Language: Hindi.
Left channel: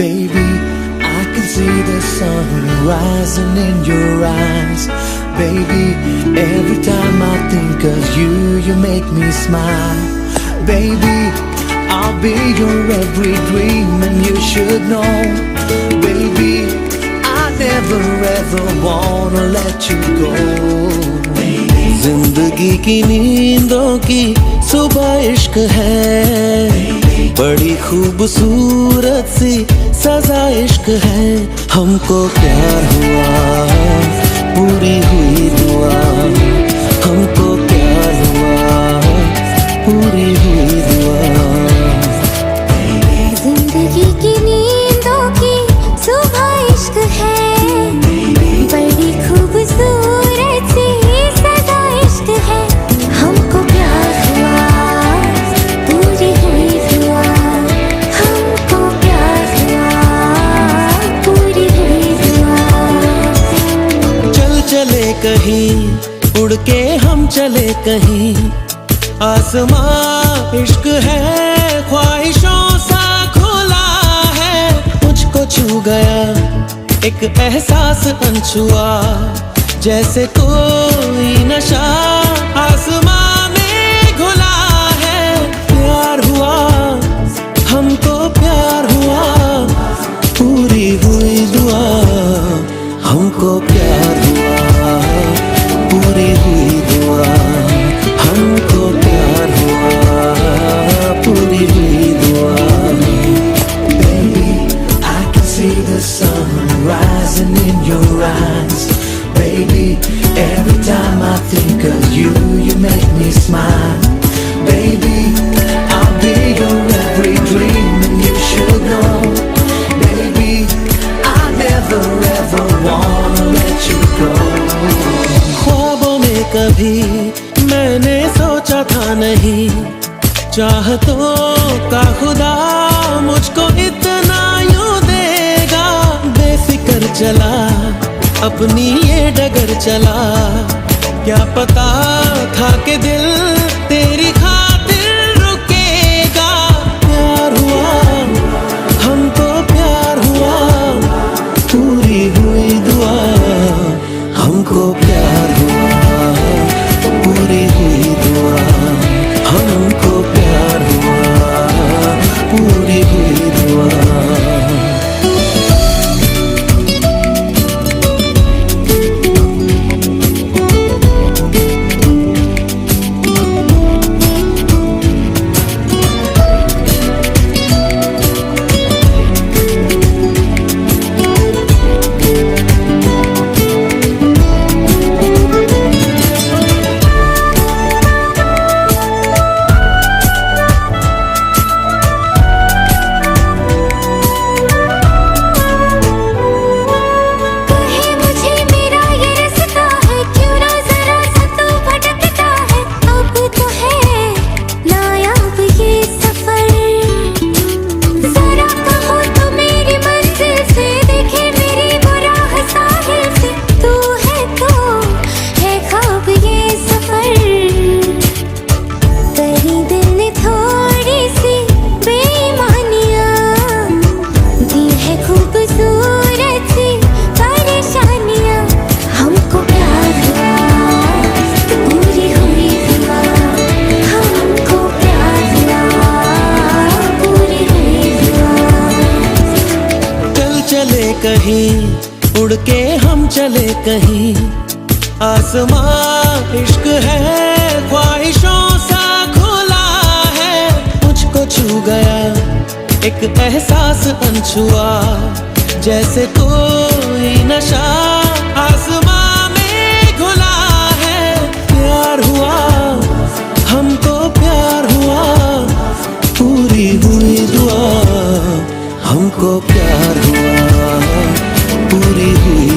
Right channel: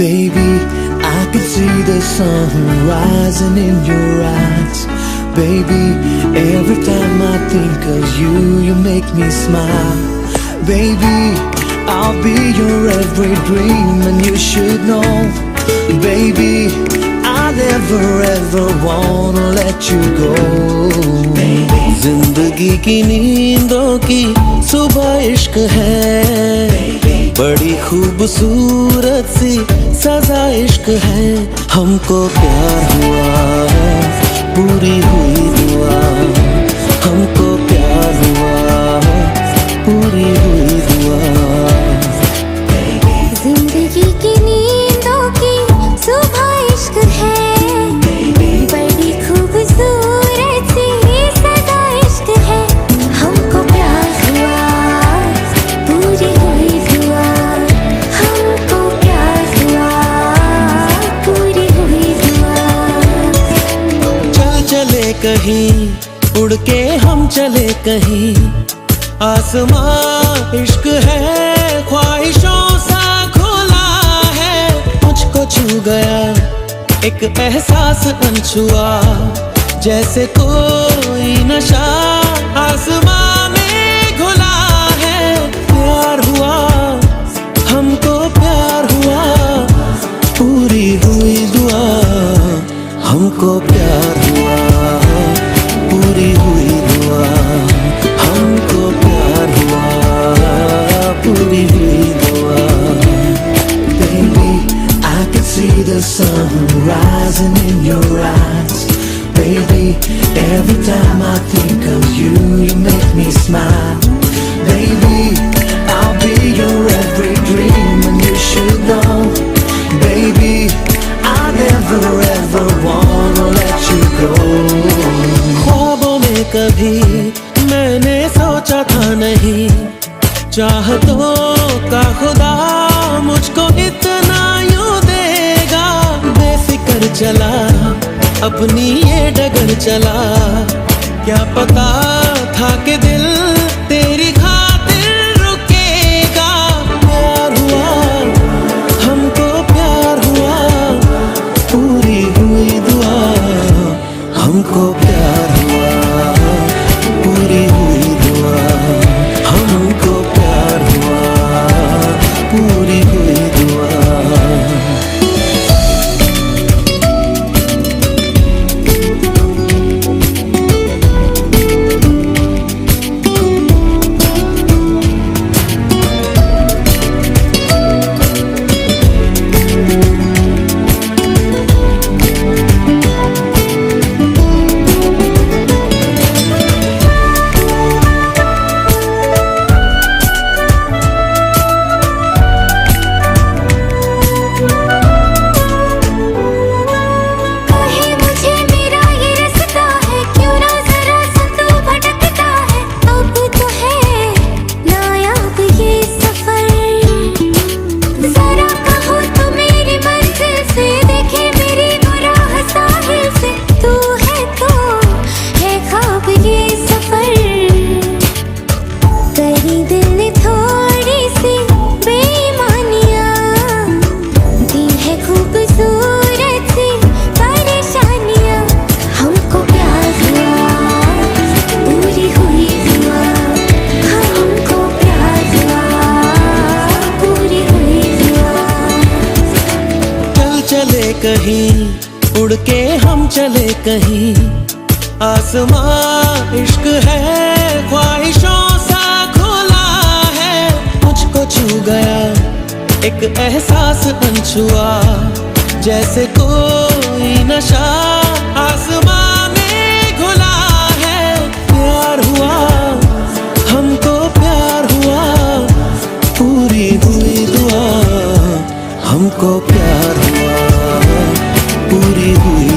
Baby, I can see the sun rising in your eyes. Baby, every time I think of you, you make me smile. Baby, I'll be your every dream and you should know. Baby, I never ever wanna let you go. जिंदगी की नींदों की सुबह इश्क है, बड़ी खूबसूरत सी सजा इश्क है। हमको प्यार हुआ, पूरी हुई दुआ। हमको प्यार हुआ, पूरी हुई दुआ। जिंदगी की नींदों की सुबह इश्क है, बड़ी खूबसूरत सी सजा इश्क है। हमको प्यार हुआ, पूरी हुई दुआ। हमको प्यार हुआ, पूरी हुई दुआ। चल चले कहीं, उड़ के हम चले कहीं। आसमां इश्क है, ख्वाहिशों सा खुला है। मुझको छू गया एक एहसास अनछुआ, जैसे कोई नशा आसमां में घुला है। प्यार हुआ, हमको प्यार हुआ, पूरी हुई दुआ। हमको प्यार हुआ, पूरी हुई दुआ। हमको प्यार हुआ, पूरी हुई दुआ। Baby, I can see the sun rising in your eyes. Baby, every time I think of you, you make me smile. Baby, I'll be your every dream and you should know. Baby, I never ever wanna let you go. ख्वाबों में कभी मैंने सोचा था नहीं, चाहतों का खुदा मुझको इतना यूं देगा। बेफिक्र चला, अपनी ये डगर चला, क्या पता था कि दिल तेरी खातिर रुकेगा। प्यार हुआ, हमको प्यार हुआ, पूरी हुई दुआ। हमको प्यार हुआ, पूरी हुई दुआ। हमको प्यार हुआ, पूरी हुई दुआ। कहीं उड़ के हम चले कहीं। आसमां इश्क है, ख्वाहिशों सा खुला है। मुझको छू गया एक एहसास अनछुआ, जैसे कोई नशा आसमां में घुला है। प्यार हुआ, हमको प्यार हुआ, पूरी हुई दुआ। हमको प्यार हुआ, पूरी हुई